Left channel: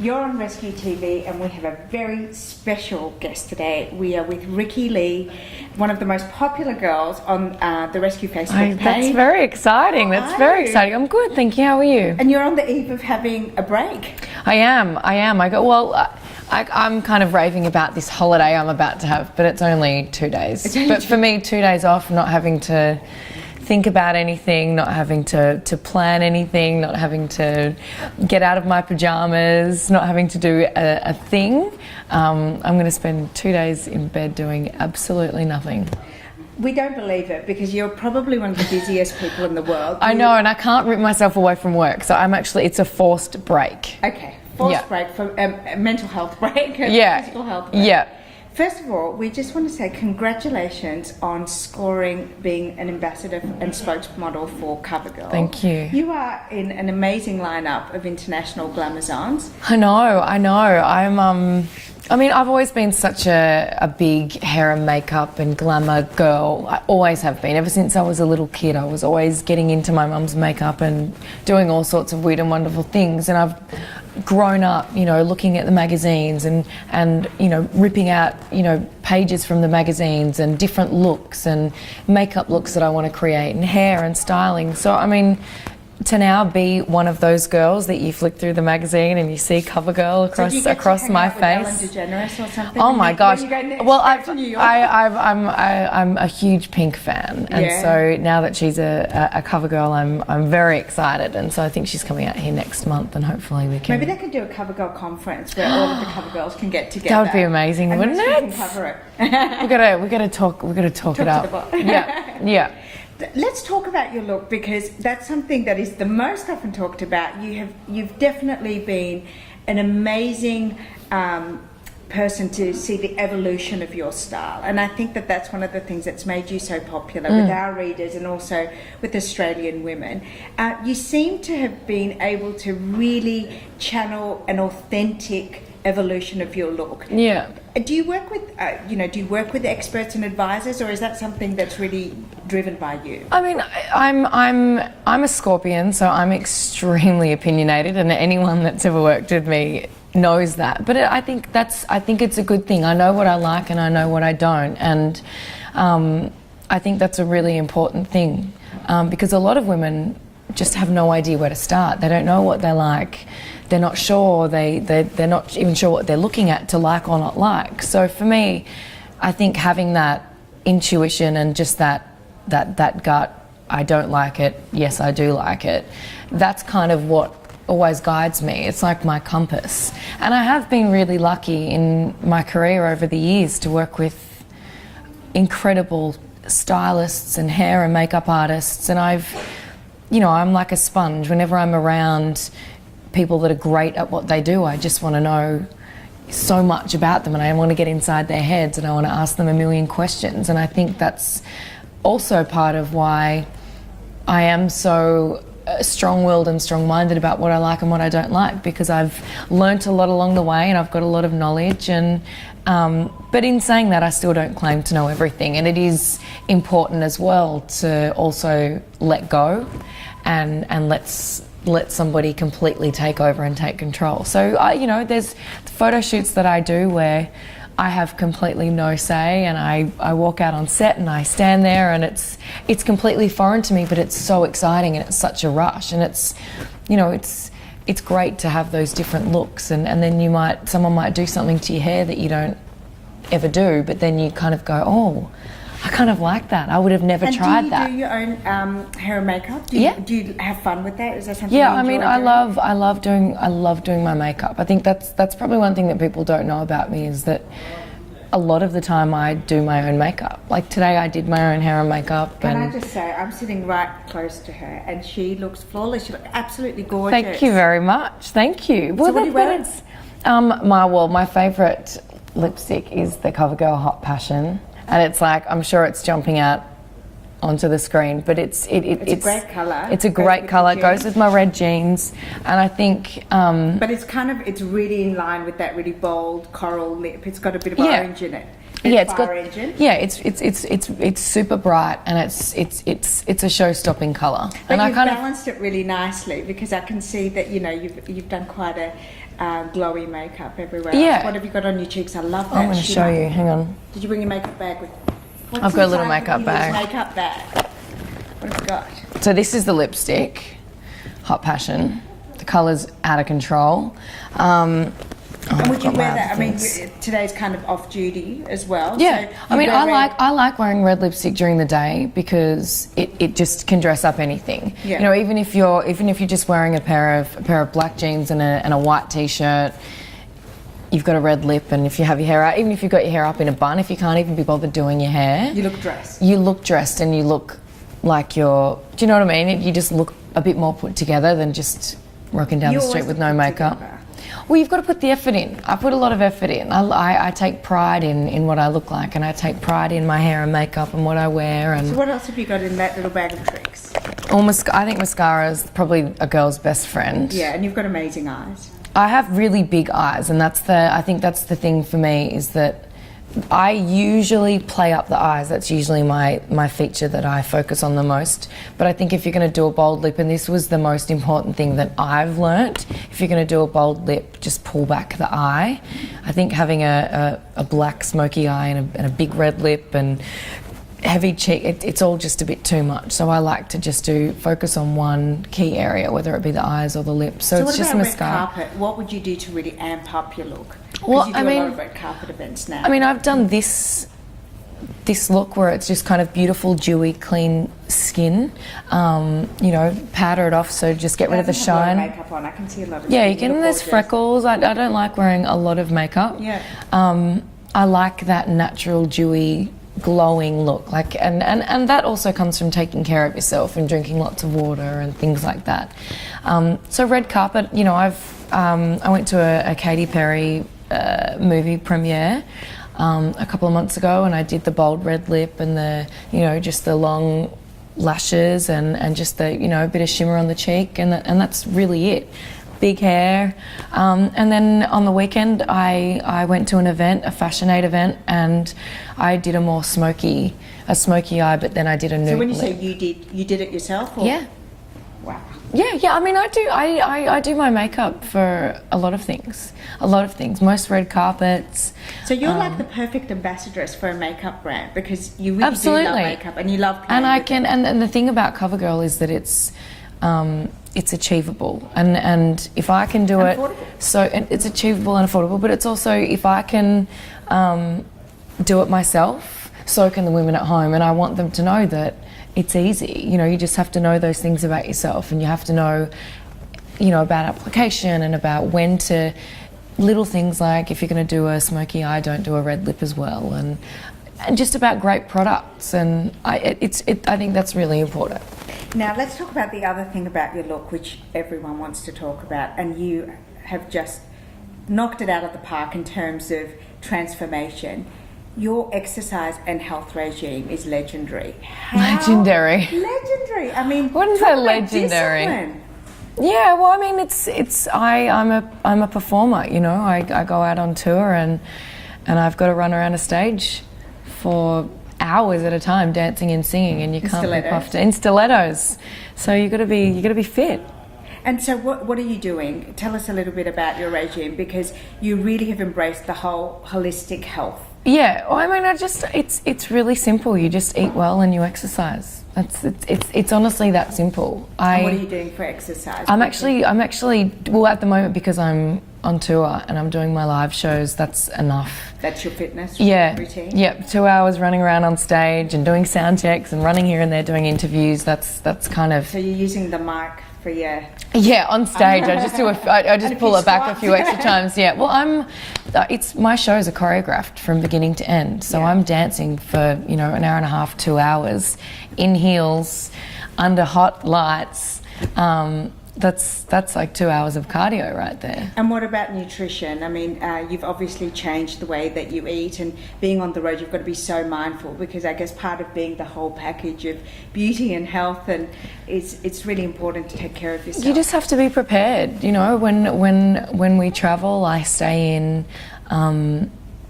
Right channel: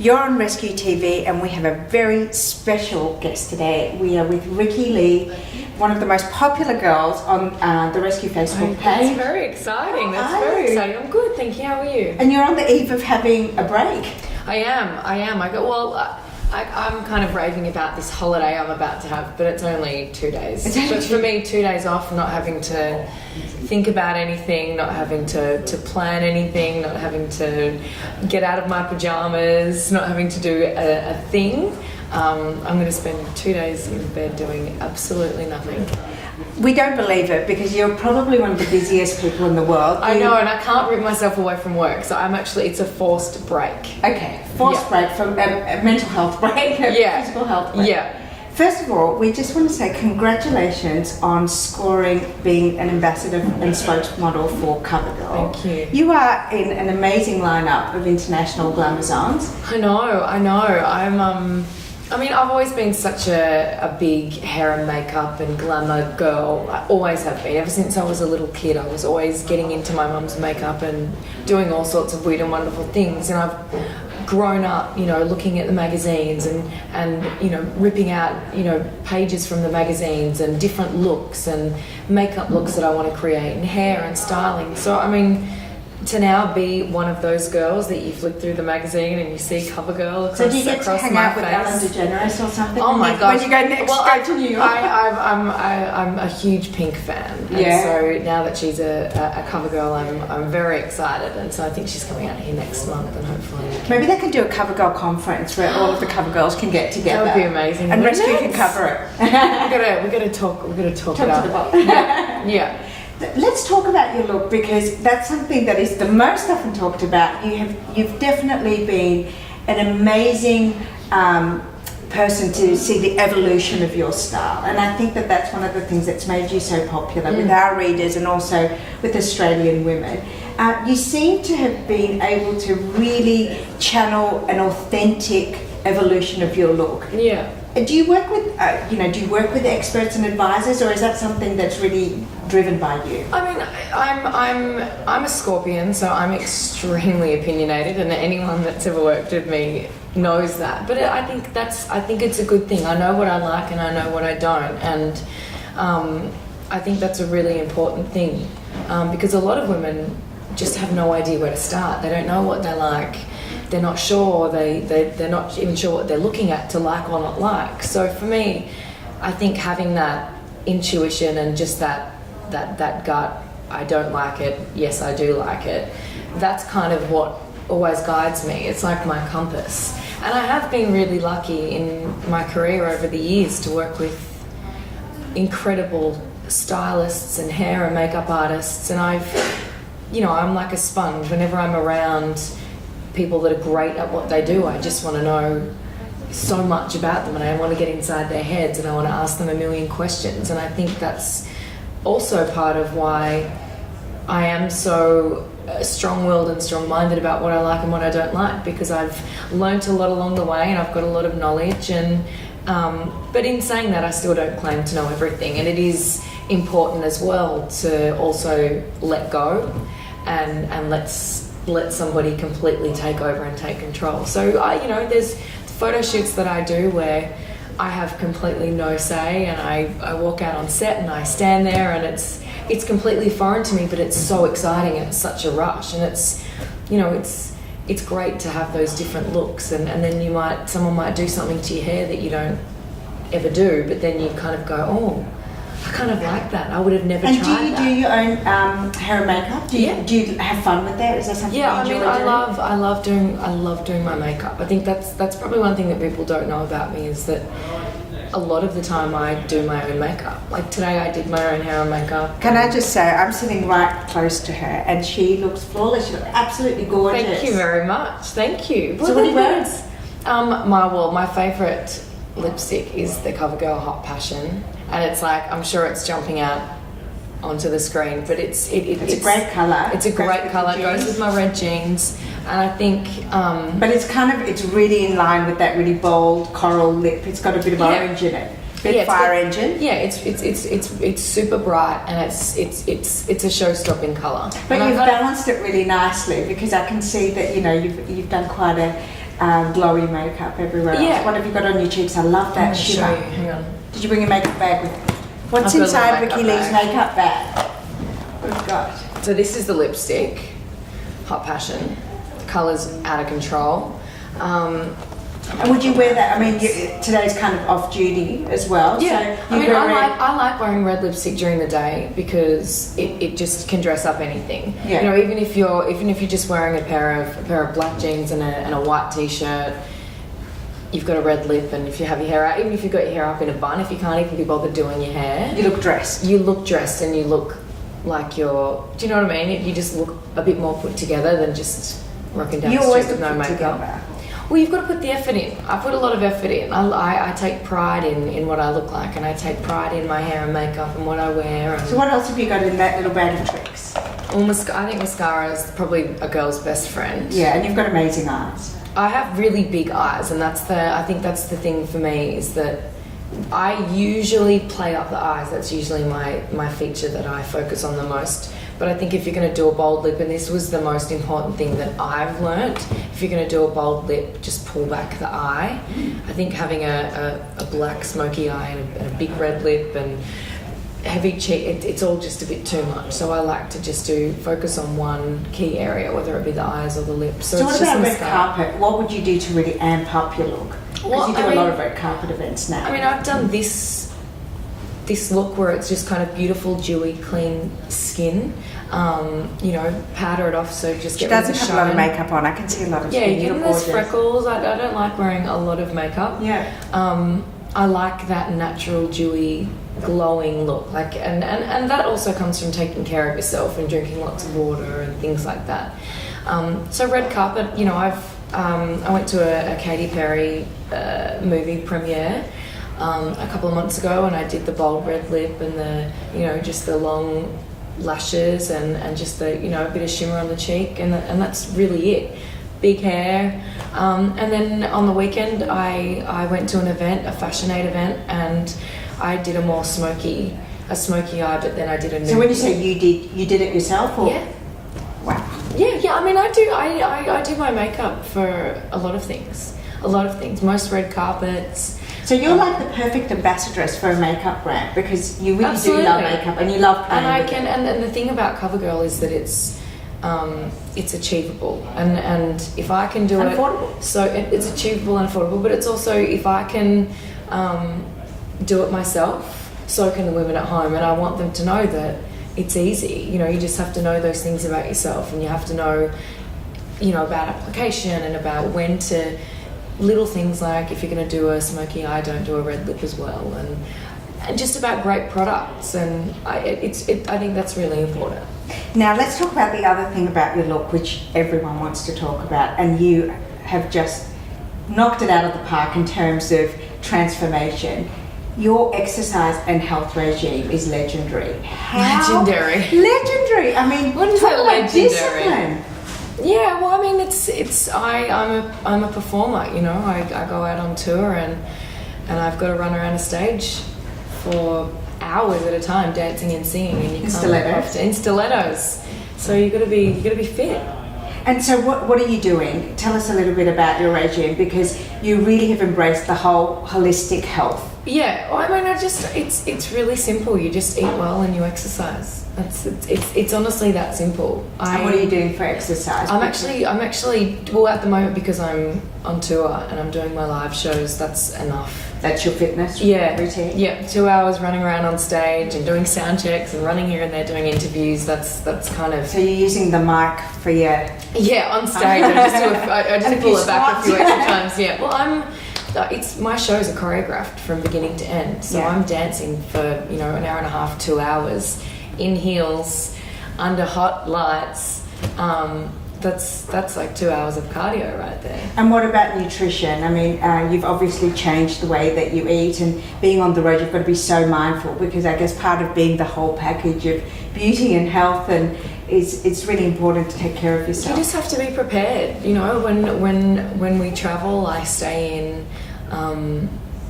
You're on Rescue TV and we have a very special guest today. We are with Rikki Lee, one of the most popular girls on the Rescue Facebook page. That's very exciting. That's very exciting. I'm good, thank you. How are you? And you're on the eve of having a break. I am. I'm kind of raving about this holiday I'm about to have, but it's only 2 days. But for me, 2 days off, not having to think about anything, not having to plan anything, not having to get out of my pajamas, not having to do a thing. I'm going to spend 2 days in bed doing absolutely nothing. We don't believe it because you're probably one of the busiest people in the world. I know, and I can't rip myself away from work, so it's a forced break. Okay, forced break from a mental health break, physical health break. Yeah. First of all, we just want to say congratulations on scoring being an ambassador and spokesmodel for CoverGirl. Thank you. You are in an amazing lineup of international glamazons. I know. I've always been such a big hair and makeup and glamour girl. I always have been. Ever since I was a little kid, I was always getting into my mum's makeup and doing all sorts of weird and wonderful things. And I've grown up, looking at the magazines and ripping out, pages from the magazines and different looks and makeup looks that I want to create and hair and styling. So, to now be one of those girls that you flick through the magazine and you see CoverGirl across my face. With Ellen DeGeneres or something? Oh my gosh! When you go next to New York. I'm a huge Pink fan, and so now that she's a CoverGirl, I'm very excited, and so I think she's coming out here next month, and hopefully we can. Maybe they could do a CoverGirl conference where all of the CoverGirls can get together. That would be amazing. And Rescue can cover it. we gotta talk it up. Yeah. Let's talk about your look because that's something that is the most often talked about. You've definitely been an amazing person to see the evolution of your style, and I think that that's one of the things that's made you so popular with our readers and also with Australian women. You seem to have been able to really channel an authentic evolution of your look. Yeah. Do you work with experts and advisors, or is that something that's really driven by you? I'm a Scorpion, so I'm extremely opinionated, and anyone that's ever worked with me knows that. But I think it's a good thing. I know what I like and I know what I don't, and I think that's a really important thing because a lot of women just have no idea where to start. They don't know what they like. They're not sure, they're not even sure what they're looking at to like or not like. So for me, I think having that intuition and just that gut, I don't like it, yes I do like it, that's kind of what always guides me. It's like my compass. And I have been really lucky in my career over the years to work with incredible stylists and hair and makeup artists, and I'm like a sponge. Whenever I'm around people that are great at what they do, I just want to know so much about them, and I want to get inside their heads, and I want to ask them a million questions. And I think that's also part of why I am so strong-willed and strong-minded about what I like and what I don't like, because I've learnt a lot along the way and I've got a lot of knowledge, and but in saying that, I still don't claim to know everything, and it is important as well to also let go and let somebody completely take over and take control. So there's photo shoots that I do where I have completely no say, and I walk out on set and I stand there, and it's completely foreign to me, but it's so exciting and it's such a rush, and it's great to have those different looks, and then someone might do something to your hair that you don't ever do, but then you kind of go, oh, I kind of like that. I would have never tried that. And do you do your own hair and makeup? Do you have fun with that? Is that something? Yeah, I love doing my makeup. I think that's probably one thing that people don't know about me, is that a lot of the time I do my own makeup. Like today I did my own hair and makeup. Can I just say, I'm sitting right close to her and she looks flawless. She looks absolutely gorgeous. Thank you very much. Thank you. So what do you wear? My favourite lipstick is the CoverGirl Hot Passion. And it's like, I'm sure it's jumping out onto the screen, but it's a great colour. It's a great colour. It goes with my red jeans, and I think. But it's really in line with that really bold coral lip. It's got a bit of orange in it. Fire engine. Yeah, it's super bright, and it's a show-stopping colour. But you've balanced it really nicely, because I can see that you've done quite glowy makeup everywhere else. Yeah. What have you got on your cheeks? I love I'm that going to shimmer. show you. Hang on. Did you bring your makeup bag with you? What's I've got a little inside makeup Rikki Lee's bag. makeup bag? What have you got? So this is the lipstick, Hot Passion. The colour's out of control. And would you wear that? I mean, today's kind of off duty as well. Yeah, So I mean, you wear I like wearing red lipstick during the day because it just can dress up anything. Yeah. You know, even if you're just wearing a pair of black jeans and a white t-shirt, you've got a red lip, and if you have your hair out, even if you've got your hair up in a bun, if you can't even be bothered doing your hair, you look dressed. You look dressed, and you look like you're. Do you know what I mean? You just look a bit more put together than just rocking down You the street always with no look put makeup. together. Well, you've got to put the effort in. I put a lot of effort in. I take pride in what I look like, and I take pride in my hair and makeup and what I wear. And So what else have you got in that little bag of tricks? I think mascara is probably a girl's best friend. Yeah, and you've got amazing eyes. I have really big eyes, and I think that's the thing for me is that I usually play up the eyes. That's usually my feature that I focus on the most. But I think if you're going to do a bold lip, and this was the most important thing that I've learnt, if you're going to do a bold lip, just pull back the eye. I think having a black smoky eye and a big red lip and heavy cheek, it's all just a bit too much. So I like to just focus on one key area, whether it be the eyes or the lips. So So it's what just about red mascara. carpet? What would you do to really amp up your look? Because Well, you do I a mean- lot of red carpet events now. I mean, I've done this look where it's just kind of beautiful, dewy, clean skin. You know, powder it off, so just she get rid of the doesn't have a lot of shine. makeup on. I can see a lot of Yeah, skin. you get look in those gorgeous. freckles. I don't like wearing a lot of makeup. Yeah. I like that natural, dewy, glowing look. And that also comes from taking care of yourself and drinking lots of water and things like that. So red carpet, you know, I went to a Katy Perry movie premiere a couple of months ago, and I did the bold red lip and just the long lashes and just the a bit of shimmer on the cheek, and that's really it. Big hair, and then on the weekend I went to an event, a Fashion Aid event, and I did a more smoky eye, but then I did a nude So when you lip. say you did it yourself? Or? Yeah. Wow. Yeah. I mean, I do my makeup for a lot of things. Most red carpets. So you're like the perfect ambassadress for a makeup brand because you really Absolutely. do love makeup and you love playing And I with can, it. and the thing about CoverGirl is that it's achievable, and if I can do And it, affordable. so it's achievable and affordable. But it's also if I can do it myself, so can the women at home, and I want them to know that it's easy. You know, you just have to know those things about yourself, and you have to know, about application and about when to. Little things like if you're going to do a smoky eye, don't do a red lip as well, and just about great products, and I think that's really important. Now let's talk about the other thing about your look which everyone wants to talk about, and you have just knocked it out of the park in terms of transformation. Your exercise and health regime is legendary. Legendary. Legendary. I mean, Wouldn't talk say about legendary. discipline. Yeah, well, I mean, I'm a performer. I go out on tour and I've got to run around a stage for hours at a time, dancing and singing, and you can't look stilettos. after in stilettos. So you got to be fit. And so what are you doing? Tell us a little bit about your regime because you really have embraced the whole holistic health. Yeah, well, I mean, it's really simple. You just eat well and you exercise. It's honestly that simple. And what are you doing for exercise? I'm actually well at the moment because I'm on tour and I'm doing my live shows. That's enough. That's your fitness routine? Yep. 2 hours running around on stage and doing sound checks and running here and there doing interviews. That's kind of. So you're using the mic for your... Yeah, on stage I just And a pull few it back a few squats. extra times. Yeah. Well, my shows are choreographed from beginning to end, so Yeah. I'm dancing for an hour and a half, 2 hours, in heels, under hot lights. That's like 2 hours of cardio right there. And what about nutrition? I mean, you've obviously changed the way that you eat, and being on the road, you've got to be so mindful because I guess part of being the whole package of beauty and health, and it's really important to take care of yourself. You just have to be prepared. When we travel, I stay in,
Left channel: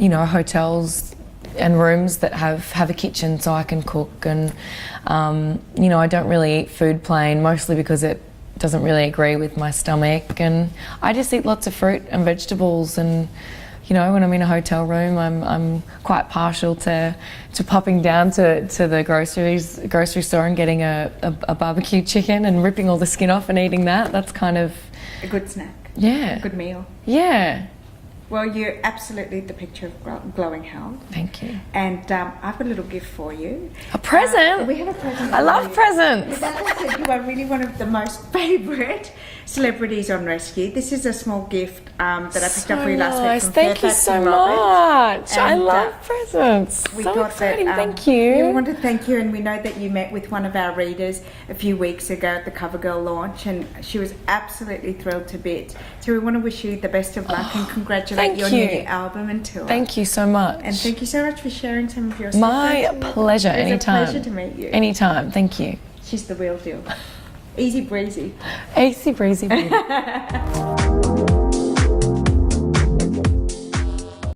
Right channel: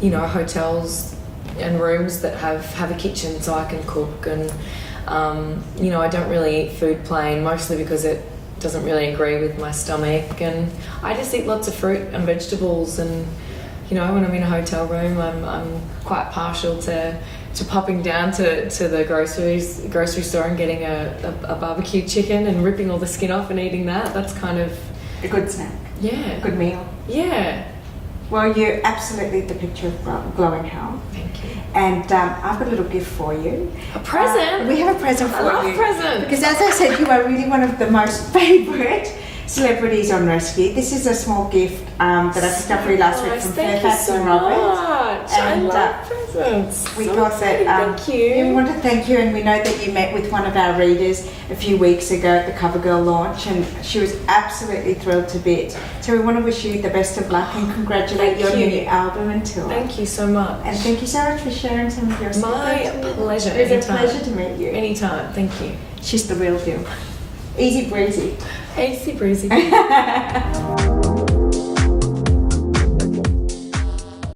hotels and rooms that have a kitchen so I can cook, and I don't really eat food plain, mostly because it doesn't really agree with my stomach, and I just eat lots of fruit and vegetables. And you know, when I'm in a hotel room, I'm quite partial to popping down to the grocery store and getting a barbecue chicken and ripping all the skin off and eating that. That's kind of A good snack. yeah, A good meal. yeah. Well, you're absolutely the picture of glowing health. Thank you. And I've got a little gift for you. A present. We have a present for I you. love presents. Because as I said, you are really one of the most favourite celebrities on Rescue. This is a small gift that I picked up for you last week Nice. from Thank you Fairfax so and Robert. much. I And, love presents. We So got exciting. that. Thank you. We want to thank you, and we know that you met with one of our readers a few weeks ago at the CoverGirl launch, and she was absolutely thrilled to bits. So we want to wish you the best of luck and congratulate Thank your you. new album and tour. Thank you so much. And thank you so much for sharing some of your My stories. pleasure. It's Anytime. a pleasure to meet you. Anytime. Thank you. She's the real deal. Easy breezy. Easy breezy.